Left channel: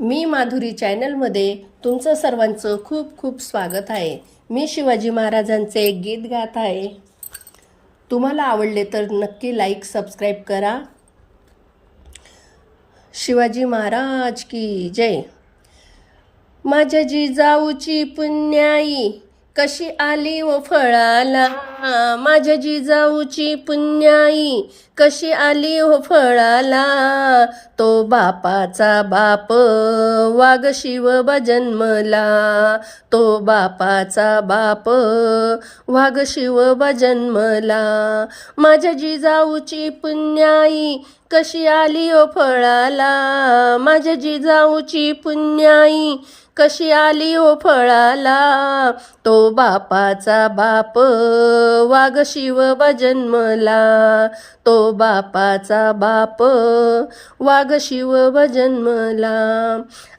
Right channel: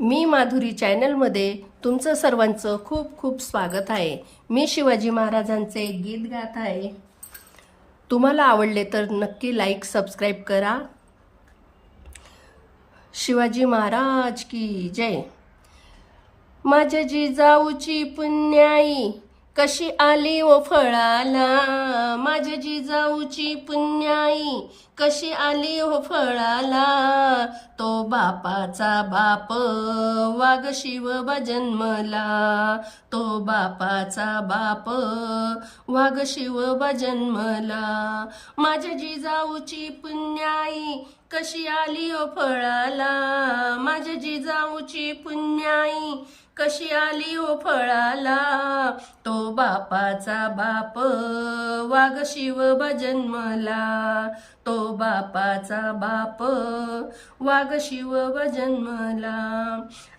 मी माधुरी चॅनलमध्ये तुमचं सर्वांचं खूप खूप स्वागत आहे। मी शिवाजी महाराजांचे एक गीत गात आहे। तुम्हाला आवडले तर नक्की लाईक सबस्क्राईब करा। शिवाजी महाराज की जय। माझ्या जिजाऊची पुण्याई कशी आली ओ फळाला, माझ्या जिजाऊची पुण्याई कशी आली ओ फळाला। तो बापाचा बाप वाघ शिवबा जन्मला, तो बापाचा बाप वाघ शिवबा जन्मला। माझ्या जिजाऊची पुण्याई कशी आली ओ फळाला, माझ्या जिजाऊची पुण्याई कशी आली ओ फळाला। तो बापाचा बाप वाघ शिवबा जन्मला, तो बापाचा बाप वाघ शिवबा जन्मला।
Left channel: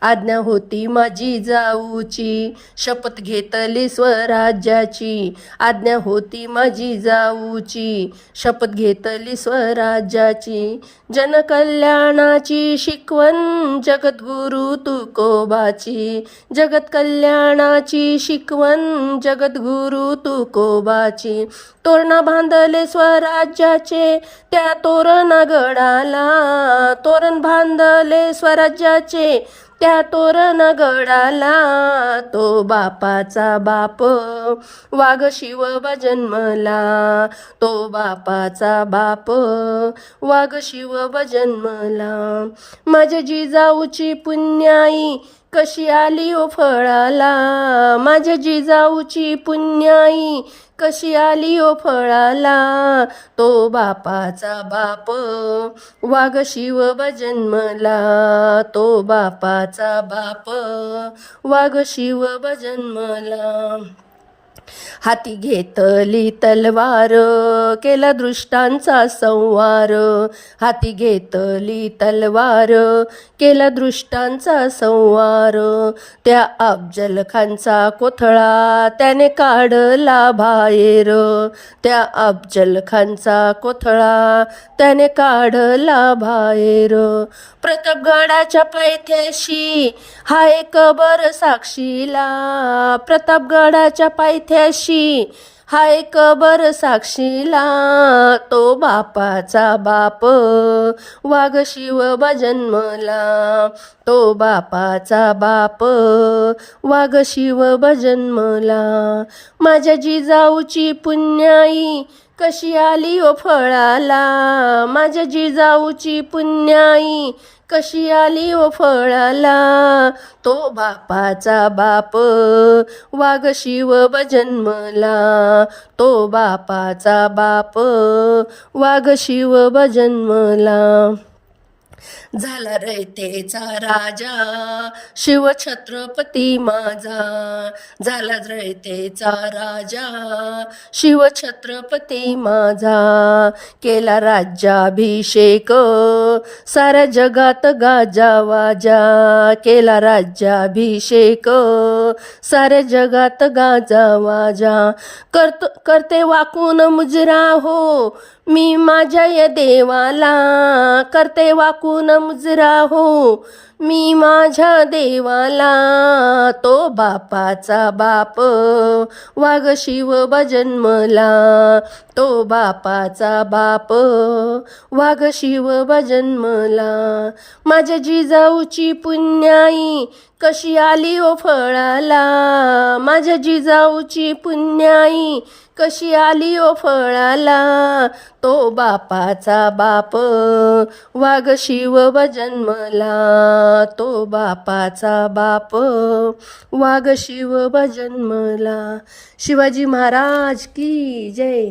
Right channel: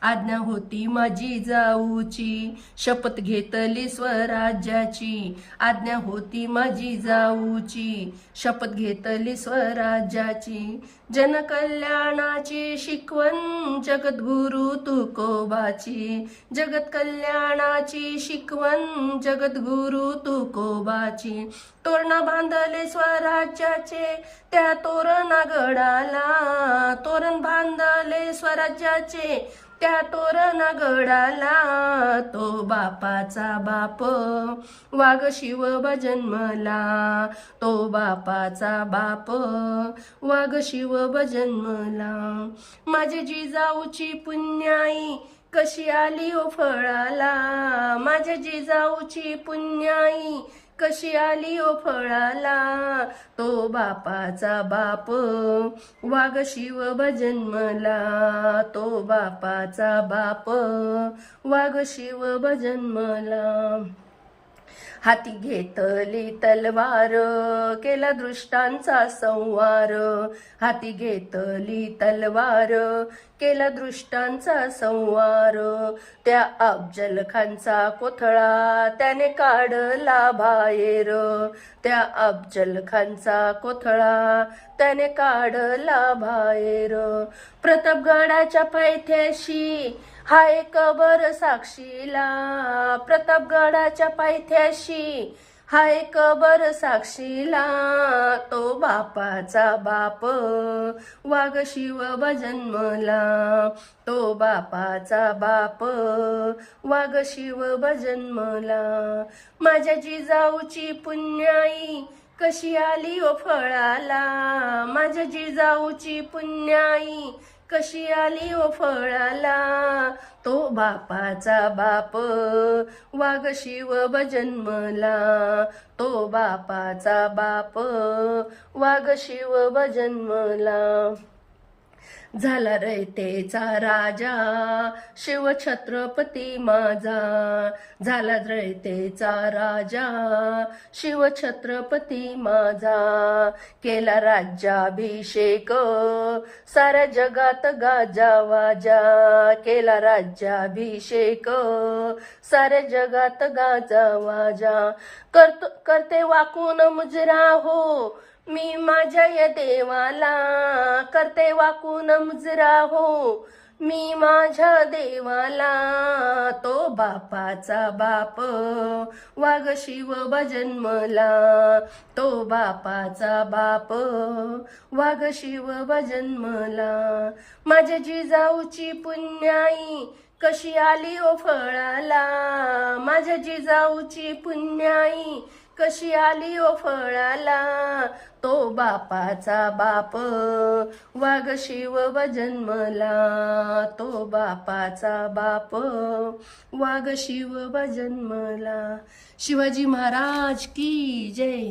आज्ञा होती माझी जाऊची शपथ घेतली स्वराज्याची, आज्ञा होती माझी जाऊची शपथ घेतली स्वराज्याची। जनकल्याणाची शिकवण जगद्गुरु तुकोबाची, जगत कल्याणाची शिकवण जगद्गुरु तुकोबाची। तोरण बांधले स्वराज्याचे त्या तोरण गडाला, तोरण बांधले स्वराज्याचे त्या तोरण गडाला। तो बापाचा बाप वाघ शिवबा जन्मला, तो बापाचा बाप वाघ शिवबा जन्मला। माझ्या जिजाऊची पुण्याई कशी आली ओ फळाला, माझ्या जिजाऊची पुण्याई कशी आली ओ फळाला। तो बापाचा बाप वाघ शिवबा जन्मला, तो बापाचा बाप वाघ शिवबा जन्मला। हाती घेतली तलवार केला दृष्टांचा संवार, हाती घेतली तलवार केला दृष्टांचा संवार। त्या अफजल खानचा कोथळा त्याने काढला बाहेर, त्या अफजल खानचा कोथळा त्याने काढला बाहेर। प्रतापगडाच्या पायथ्याशी हा एक बर साक्षीला, प्रतापगडाच्या पायथ्याशी हा एक बर साक्षीला। तो बापाचा बाप वाघ शिवबा जन्मला, तो बापाचा बाप वाघ शिवबा जन्मला। माझ्या जिजाऊची पुण्याई कशी आली ओ फळाला, माझ्या जिजाऊची पुण्याई कशी आली ओ फळाला। तो बापाचा बाप वाघ शिवबा जन्मला, तो बापाचा बाप वाघ शिवबा जन्मला। झाला रयतेचा राजा शिव छत्रपती माझा, झाला रयतेचा राजा शिव छत्रपती माझा। केला राज्याभिषेक साऱ्या जगात गाजावाजा, केला राज्याभिषेक साऱ्या जगात गाजावाजा। करते वाकून मुजरा हो मी माझ्या या देवाला, करते वाकून मुजरा हो मी माझ्या देवाला। तो बापाचा बाप वाघ शिवबा जन्मला, तो बापाचा बाप वाघ शिवबा जन्मला। माझ्या जिजाऊची पुण्याई कशी आली ओ फळाला, माझ्या जिजाऊची पुण्याई कशी आली ओ फळाला। तो बापाचा बाप वाघ शिवबा जन्मला, तो बापाचा बाप वाघ शिवबा जन्मला। शिवाजी महाराज की जय।